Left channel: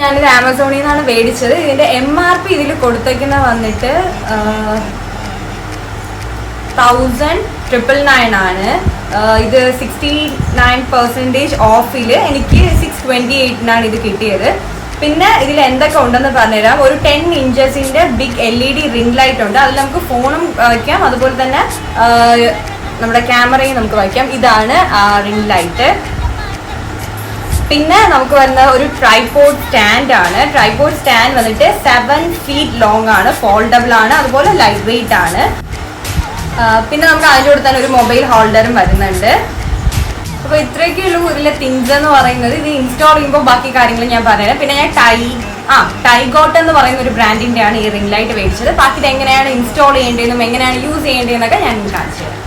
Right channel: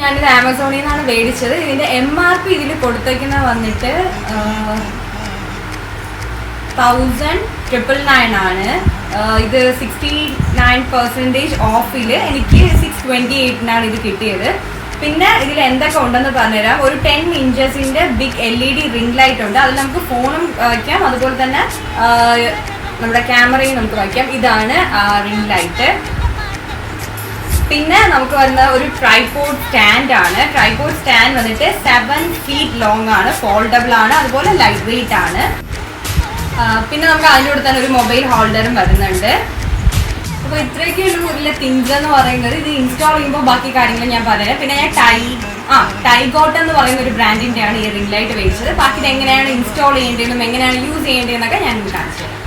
ഞാനിത് ആമസോണിൽ നിന്നാണ് മേടിച്ചത്. ഇതിന്റെ MRP ഇതിൽ കൊടുത്തേക്കുന്നത് വന്നിട്ട് 1999 ആണ്. ഇത് 69% ഓഫിൽ എനിക്ക് 628 ഇത് കിട്ടിയത്. പിന്നെ ഇതിൽ എന്തൊക്കെ ഉണ്ടെന്ന് പറഞ്ഞുതരാം. ഒരു 10 ഇഞ്ചസിന്റെ ബിഗ് LED റിംഗ് ലൈറ്റ് ഉണ്ട്. അതിൽ നമുക്ക് ഫോണും വയ്ക്കാം, അതുപോലെ തന്നെ നമ്മുടെ ക്യാമറയും നമുക്ക് വയ്ക്കാം. ഇതാണ് റിംഗ് ലൈറ്റ്. പിന്നെ നമുക്ക് വരുന്ന ഒരു ട്രൈപോഡ് സ്റ്റാൻഡ് ആണ്. ട്രൈപോഡ് സ്റ്റാൻഡ് വന്നിട്ട് 7 feet ലോങ് ആണ്, ഫോൾഡബിൾ ആണ്, അതുപോലെ ലൈറ്റ് വെയിറ്റ് ആണ്. പിന്നെ നമുക്ക് അതിൻ്റെ കൂടെ തന്നെ ഒരു മൊബൈൽ ഹോൾഡറും വരുന്നുണ്ട്. അപ്പോൾ ഇത്രയൊക്കെയുള്ളൂ ഇതിലെ തിങ്സ് എന്ന് പറയുന്നത്. ഇത് ഇൻസ്റ്റാൾ ചെയ്യുമ്പോൾ ബാക്കി കാര്യങ്ങൾ ഞാൻ പറയാം. പിന്നെ ഞാൻ ടൈഗോട്ട് എന്ന് പറയുന്ന ഒരു ബ്രാൻഡിൻ്റെ ആണ് ഈ റിംഗ് ലൈറ്റ് മേടിച്ചത്. ബാക്കി ഇത് എങ്ങനെയാണ് ഇൻസ്റ്റാൾ ചെയ്യേണ്ടതെന്നും എങ്ങനെയാണ് യൂസ് ചെയ്യേണ്ടതെന്നൊക്കെ ഞാൻ കാണിച്ചു തരാം.